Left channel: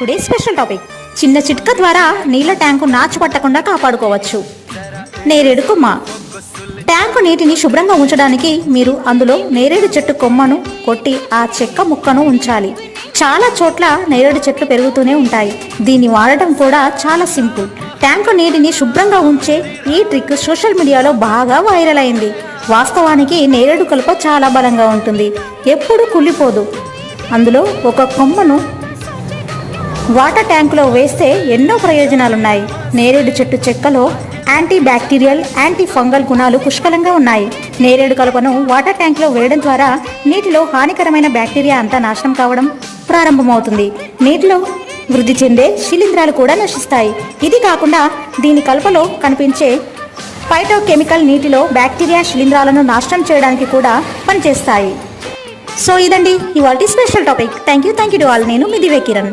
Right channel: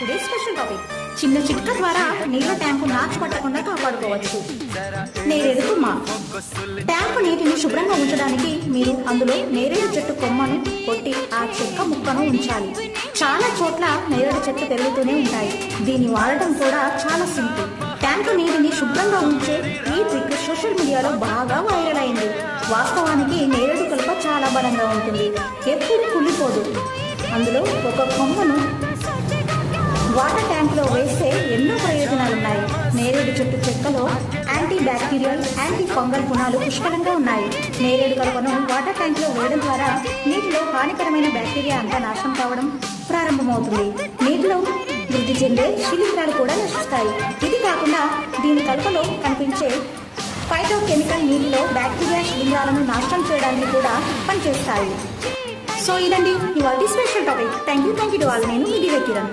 Today special topic. చిన్న చిట్క ద్వారా నీళ్ళ ట్యాంకు నాచు పట్టకుండా కాపాడుకోవచ్చు. నేరేడు కొమ్మ. ట్యాంకు నీటిని శుభ్రంగా ఉంచడానికి మీరు అందులో నేరేడు చెట్టు కొమ్మను కొట్టి ఆ చెక్క ముక్కను ఉంచాలి. చాలా చోట్ల నేరేడు చెట్లు పెరుగుతూనే ఉంటాయి. దీన్ని వాడటం కూడా చాలా సింపుల్. ట్యాంకు నీటిని శుభ్రంగా ఉంచే ఈ ట్రిక్ సోషల్ మీడియాలో బాగా వైరల్ అయింది. వాస్తవానికి నేరేడు కలుప చాలా బలంగా ఉంటుంది. ఎప్పుడు కుళ్ళిపోదు. అందులో ఒక కొమ్మను వాటర్ ట్యాంకులో వేస్తే ఎన్నో ప్రయోజనాలున్నాయి. నేరేడు చెట్టు చెక్కలో యాంటీ బ్యాక్టీరియల్ యాంటీ ఫంగల్ గుణాలు పుష్కలంగా ఉన్నాయి. నేరేడు కలుపను వాటర్ ట్యాంక్లో వేయడం ద్వారా నీటిలో హానికరమైన బ్యాక్టీరియా అంతా నాశనం కావడం ప్రారంభమవుతుంది. నీటిలో వృద్ధి చెందే శిలీంధ్రాలు కూడా నశిస్తాయి. ఇది కాకుండా దీని కలుపలో కనిపించే ఫైటోకెమికల్ నీటిలో బ్యాక్టీరియా శిలీంధ్రాలను నాశనం చేయడానికి కూడా పనిచేస్తాయి. సో ఇదండి ఇవాళ special topic. Thank you thank you to all. నేను మిదివే కిరణ్.